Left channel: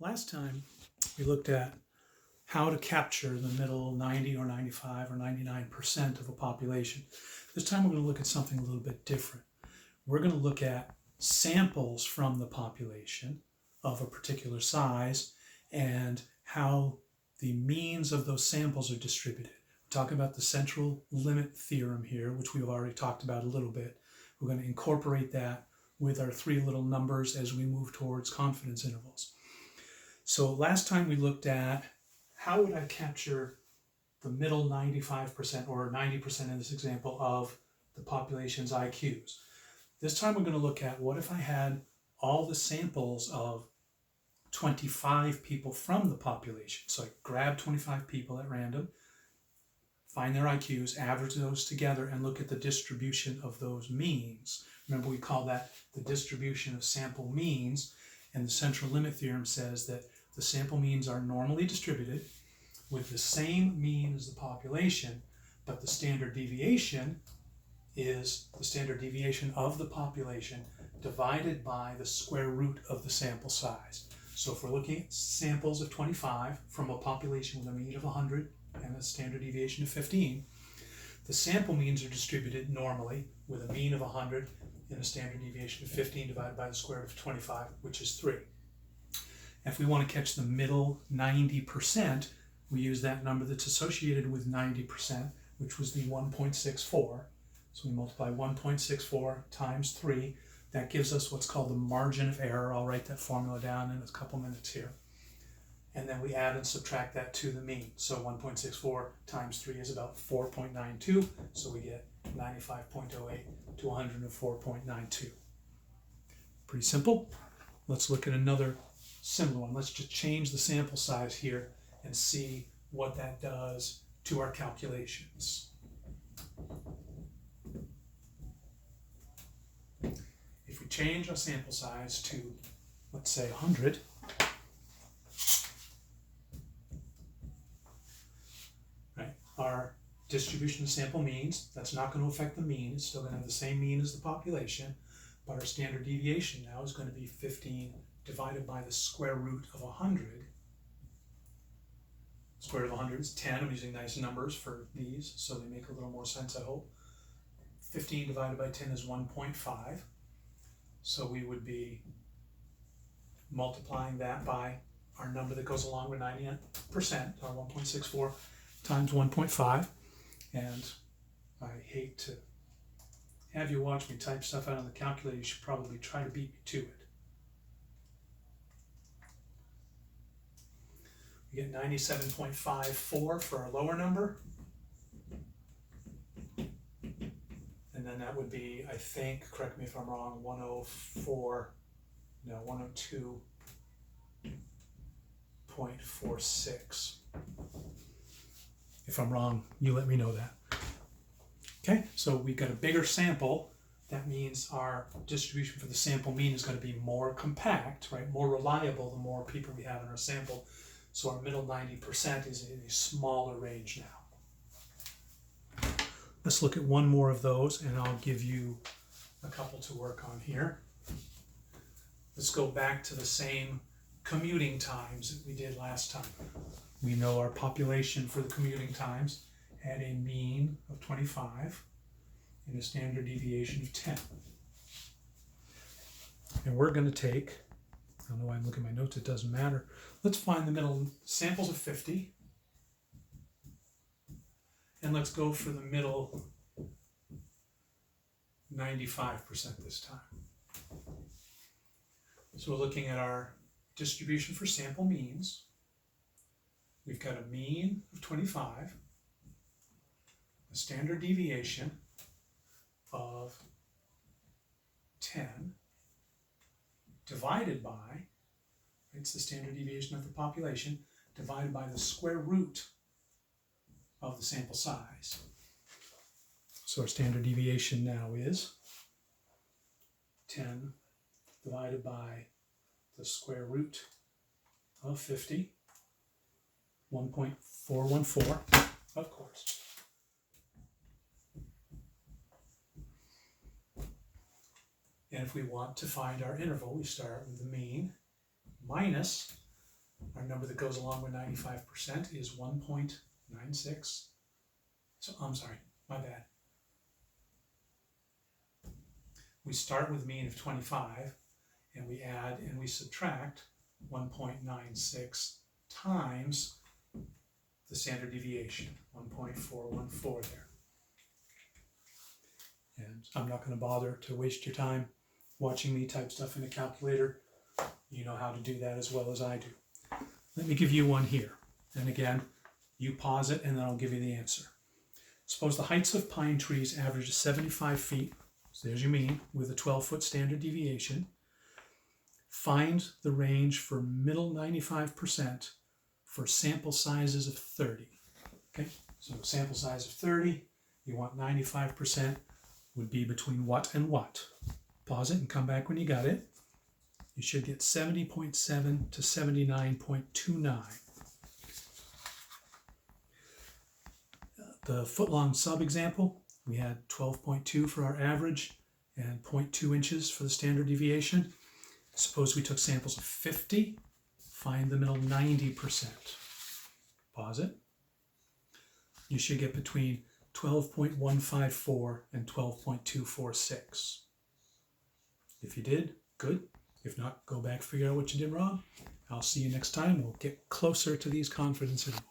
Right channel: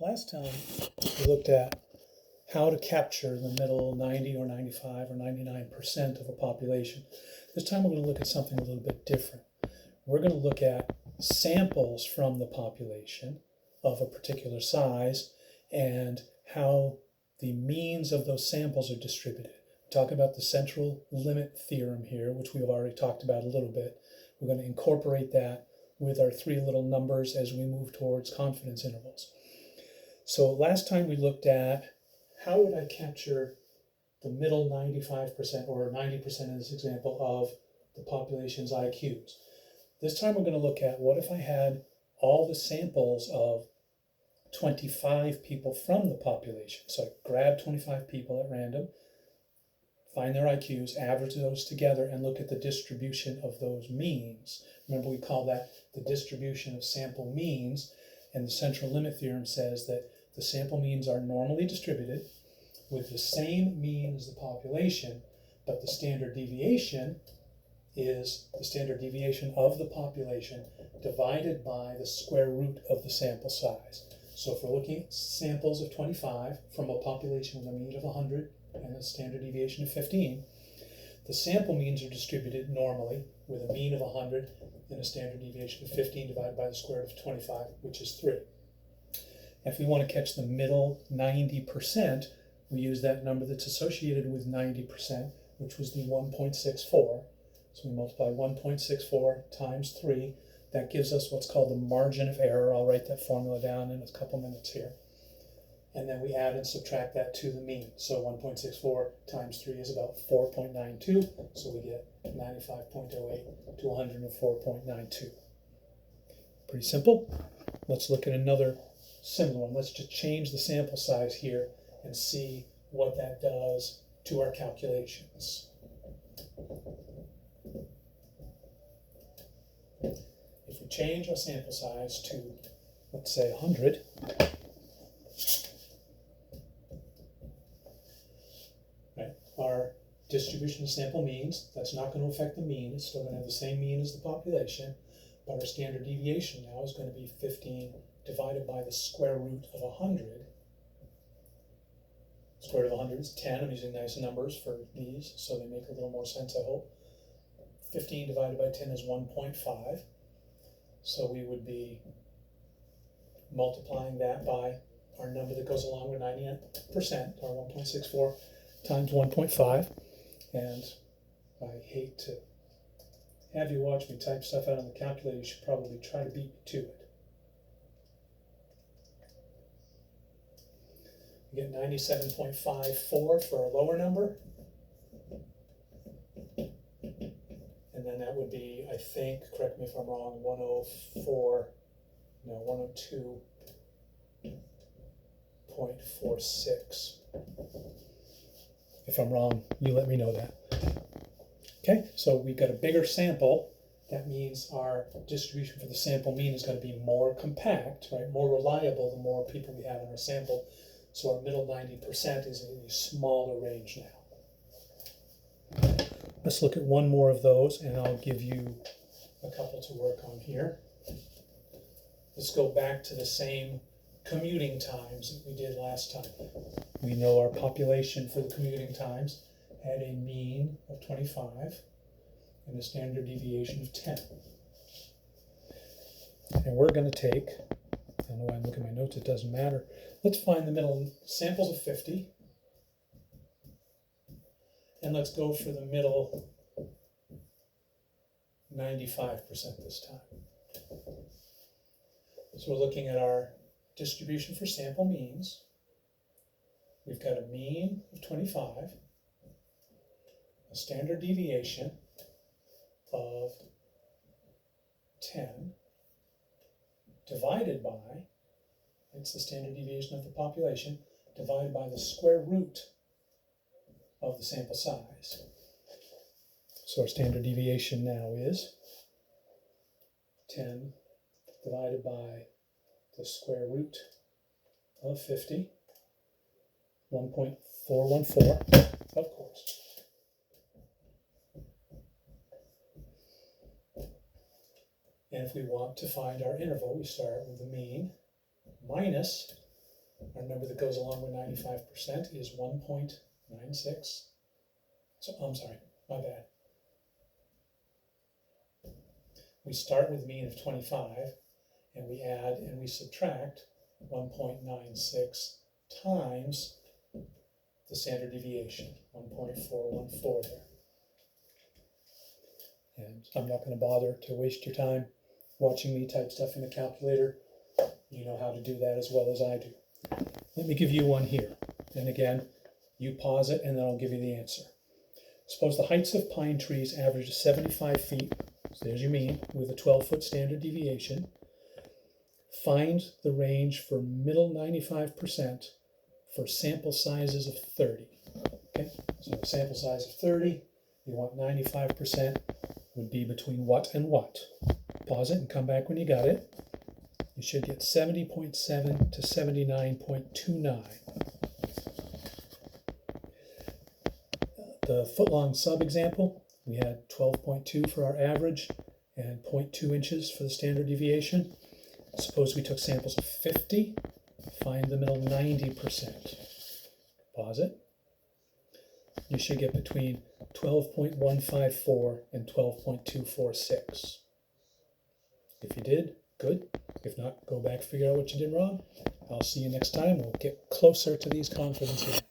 Last time we looked at how to capture the middle 90 or 95 or 99% of a population. This time we're going to look at something a little bit different. We're going to look at samples from the population of a particular size and how the means of those samples are distributed. We're talking about the central limit theorem here, which we've already talked about a little bit. We're going to incorporate that with our three little numbers as we move towards confidence intervals. So last time we looked at how would I capture the middle 95% or 90% in this example of the population's IQs. This time we're going to look at what if I had all the samples of 25 people from the population. So I grab 25 people at random, find their IQs, average those together, and look at the distribution of those means. Remember, we call that the distribution of sample means, and the central limit theorem says that the sample means are normally distributed with the same mean as the population, but the standard deviation is the standard deviation of the population divided by the square root of the sample size. So if we're looking at samples of 25 from a population with a mean of 100 and a standard deviation of 15, the sample means are distributed normally with a mean of 100 and a standard deviation of 15 divided by the square root of 25, which is 3. If we want to catch the middle 90%, we use that number that's associated with 90%, which was the 1.64. So we multiply 1.64 times 3. That gives us what's called the margin of error. I'll write that formula down in a couple minutes here. And then we add and subtract that to the mean. So 1.64 times 3 is about 4.92. So we get 95.08 to 104.92. Pretty simple. Let's look at another similar one. Let's just change the sample size here and see what that does to our calculations. If we change our sample size to, let's say, 100, right, our distribution of sample means, that's not going to affect the mean. It's still going to have the same mean as the population, but our standard deviation now is going to be 15 divided by the square root of 100. Square root of 100 is 10. I'm using nice numbers for these, so they make a little more sense, I hope. 15 divided by 10 is 1.5. So we would be multiplying that by our number that goes along with 90%, our 1.64 times 1.5. And I hate to have you watch me type stuff out on the calculator. You should probably try to beat me to it. We get 97.54 for our lower number. And then that would be, I think, correct me if I'm wrong, 102.46. If I'm wrong, you let me know that. Okay, so we've got a bigger sample. That means our distribution for the sample mean is going to be more compact, right? More reliable the more people we have in our sample. So our middle 90% is in a smaller range now. Let's look at one more of those, and I'll give you a couple to work on here. Let's go back to the same commuting times that we did last time. We know our population for the commuting times had a mean of 25 and a standard deviation of 10. And we're going to take, I don't know why I'm looking at my notes, it doesn't matter. Let's find the middle samples of 50. And let's go for the middle 95% this time. So we're looking at our distribution for sample means. We've got a mean of 25, a standard deviation of 10, divided by, it's the standard deviation of the population, divided by the square root of the sample size. So our standard deviation now is 10 divided by the square root of 50, 1.414, of course. And if we want to find our interval, we start with the mean minus Our number that goes along with 95% is 1.96. So I'm sorry, my bad. We start with a mean of 25, and we add and we subtract 1.96 times the standard deviation, 1.414 there. And I'm not going to bother to waste your time watching me type stuff in a calculator. You know how to do that as well as I do. Let me give you one here. And again, you pause it and then I'll give you the answer. Suppose the heights of pine trees average 75 feet. So there's your mean with a 12-foot standard deviation. Find the range for middle 95% for sample sizes of 30. Okay, so a sample size of 30, you want 95% would be between what and what? Pause it and come back when you got it. You should get 70.7 to 79.29. The foot-long sub-example, we had 12.2 for our average and 0.2 inches for the standard deviation. Suppose we took samples of 50, find the middle 90%. Pause it. You should get between 12.154 and 12.246. If you did, good. If not, go back, figure out what you did wrong. I'll see you next time. We'll get closer to these confidence intervals.